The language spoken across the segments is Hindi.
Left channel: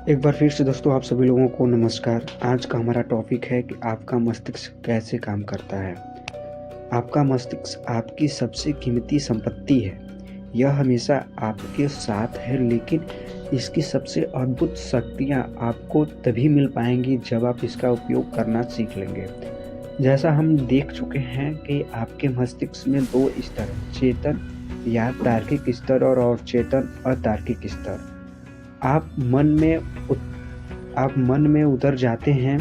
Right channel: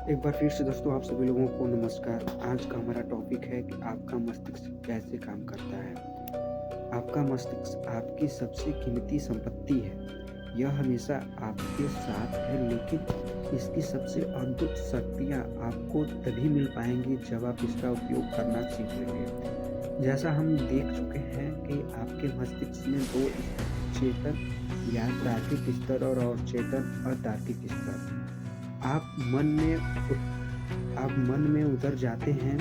एक बार फिर से दोस्तों आप सभी लोगों को नमस्कार। आज का हमारा टॉपिक है कि आपका मस्तिष्क कैसे काम करता है। आपका मस्तिष्क आपकी सबसे कीमती संपत्ति है। यह हमेशा आपके साथ है, लेकिन इसकी सबसे अद्भुत शक्तियाँ आपको तभी मिल पाएँगी जब आप इसका उपयोग करना सीख लेंगे। जैसा हम देख चुके हैं कि आपके मस्तिष्क में 2 स्तर, चेतन या तार्किक स्तर और अवचेतन अतार्किक स्तर। आप मन में उत आप मन में उतर जाते हैं,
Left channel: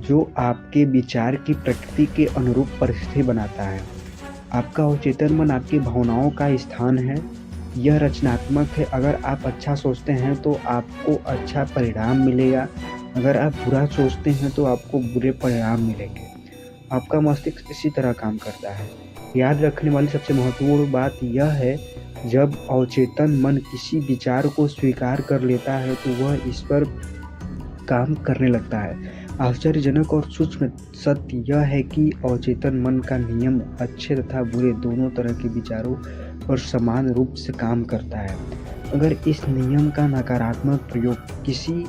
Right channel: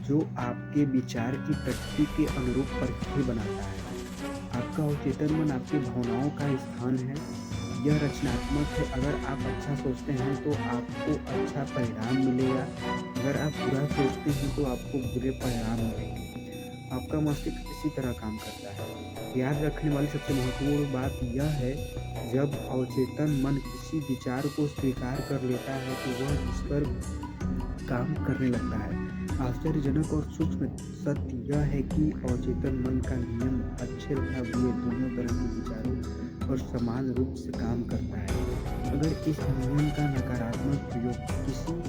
जो आपके विचार की प्रकृति के अनुरूप परिस्थिति बनाता है। आपका अवचेतन मन आपकी भावनाओं का स्थान है। यह रचनात्मक है। अगर आप अच्छा सोचते हैं तो आपको अच्छा परिणाम मिलेगा। अगर आप बुरा सोचते हैं तो आपको बुरे परिणाम मिलेंगे। आपका मस्तिष्क इसी तरह काम करता है। याद रखने वाली सबसे महत्वपूर्ण बात यह है, जब अवचेतन मन किसी विचार को स्वीकार कर लेता है तो वह इस पर काम करने लगता है। आश्चर्यजनक और सूक्ष्म सत्य यह है कि अवचेतन मन का नियम अच्छे तथा बुरे दोनों तरह के विचारों पर समान रूप से काम करता है। अगर इस नियम का नकारात्मक प्रयोग किसी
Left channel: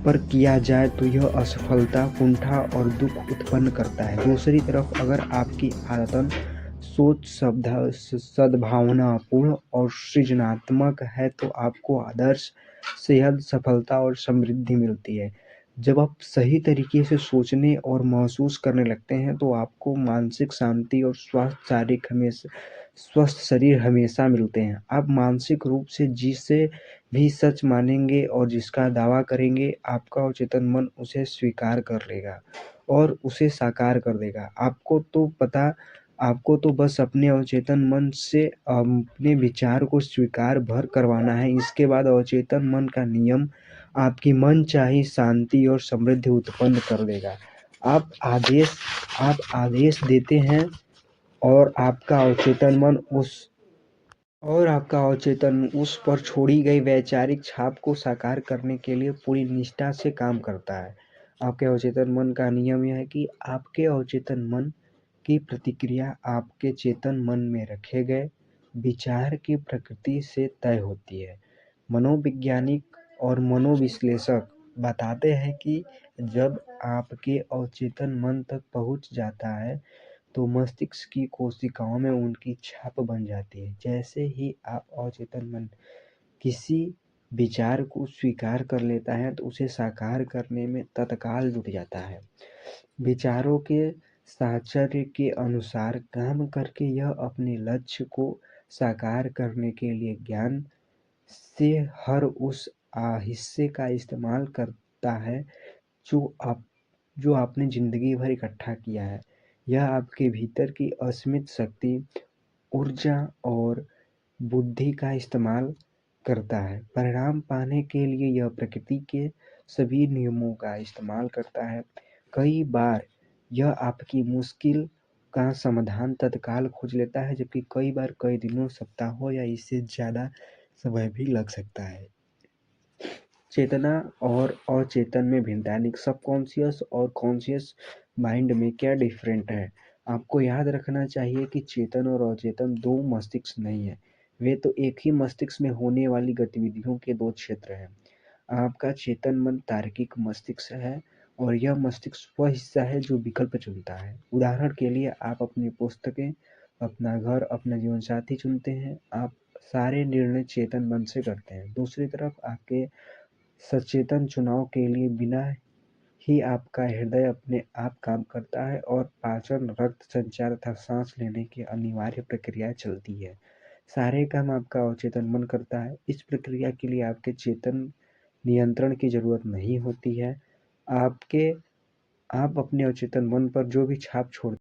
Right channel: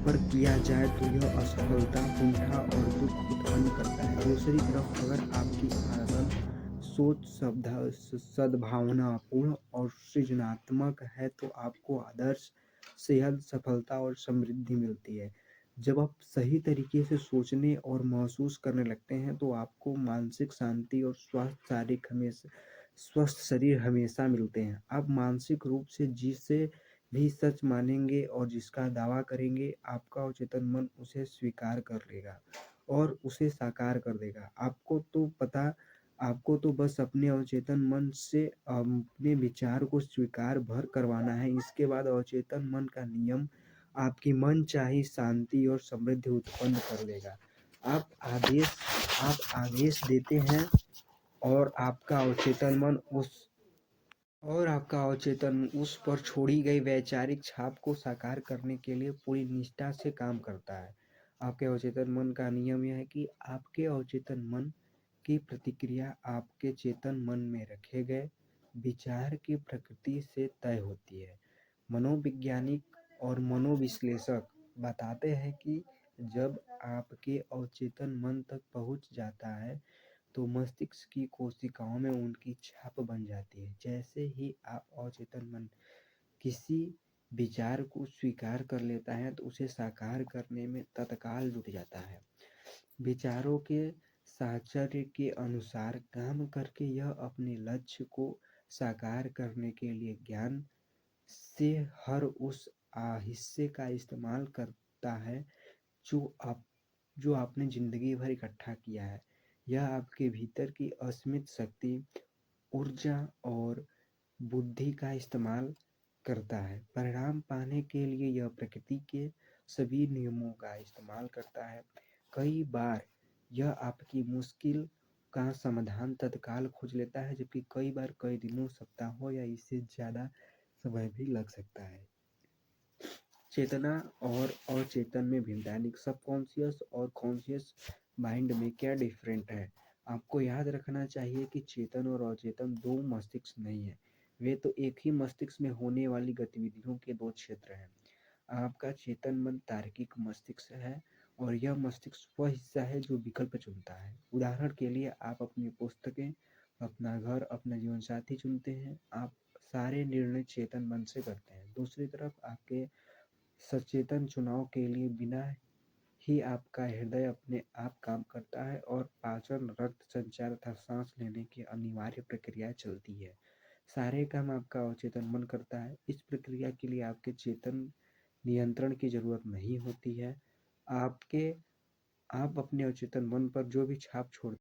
पर किया जाए तो यह असफलता, कुंठा और दुख उत्पन्न करता है। दूसरी तरफ अगर आपकी आदतन सोच सद्भावनापूर्ण और सृजनात्मक है तो आपको आदर्श सेहत, सफलता और समृद्धि मिलती है। जब आप सही तरीके से सोचने और महसूस करने लगते हैं तो आपको मानसिक शांति और स्वस्थ शरीर हमेशा मिलते हैं। आप मानसिक रूप से जिसे भी सच मानेंगे और जिसका दावा करेंगे, आपका अवचेतन मन उसे स्वीकार कर लेगा और उसे साकार कर देगा। आपको तो बस अपने अवचेतन मन से अपने विचार को स्वीकार भर करवाना है। इसके बाद अवचेतन मन का नियम आपकी मनचाही शांति और समृद्धि उत्पन्न कर देगा। आप आदेश आप आदेश देते हैं और आपका अवचेतन उस पर छोड़ी गई वैचारिक छाप को साकार करने के लिए पूरी निष्ठा से काम करता है। आपके अवचेतन मन का नियम यह है कि आपके अवचेतन मन की प्रतिक्रिया आपके चेतन मन में रखे गए विचार की प्रकृति से तय होती है। मनोवैज्ञानिक और मनोविश्लेषक बताते हैं कि जब आपके अवचेतन मन तक पहुंच जाता है तो मस्तिष्क की कोशिकाओं में उनकी छाप बन जाती है। जैसे ही आप अवचेतन मन किसी विचार को स्वीकार कर लेता है तो उसे साकार करने में तत्काल जुट जाता है। विचारों के साहचर्य के अनुसार काम करके यह अपने लक्ष्य को साकार करने के लिए ज्ञान से हर उस हिस्से का इस्तेमाल करता है जो आप जो आपने ज़िंदगी भर इकट्ठा किया है। यह आपके भीतर की असीमित शक्ति, ऊर्जा और बुद्धि का इस्तेमाल करता है। परिणाम पाने के लिए यह प्रकृति के सभी नियमों का इस्तेमाल करता है। कई बार यह आपकी मुश्किल का समाधान तत्काल खोज लेता है, जबकि कई बार कई दिनों, सप्ताहों या इससे ज़्यादा समय भी लग सकता है। चेतना और अचेतन में भिन्नता यानी सबकॉन्शियस और कॉन्शियस माइंड में क्या डिफरेंट है। आपको याद रखना चाहिए कि चेतन और अचेतन दो मस्तिष्क नहीं है, वे तो एक ही मस्तिष्क में होने वाली गतिविधियों के दो क्षेत्र हैं। आपका चेतन मन तार्किक मस्तिष्क है और यह मस्तिष्क वह हिस्सा है जो विकल्प चुनता है। उदाहरण के लिए आप अपनी पुस्तकें, अपना घर, अपना जीवन साथी चुनते हैं। आप सारे निर्णय चेतन मन से करते हैं। दूसरी तरफ आपके सचेतन चुनाव के लिए बिना ही आपका हृदय अपने आप काम करता है और पाचन, रक्त संचार तथा सांस लेने की अनिवार्य प्रक्रिया चलती है। सारे काम आपका अवचेतन मन करता है। इस प्रक्रिया के लिए आपके चेतन नियंत्रण की जरूरत नहीं होती है। आपके आप अपने अवचेतन मन पर जो भी छाप छोड़ते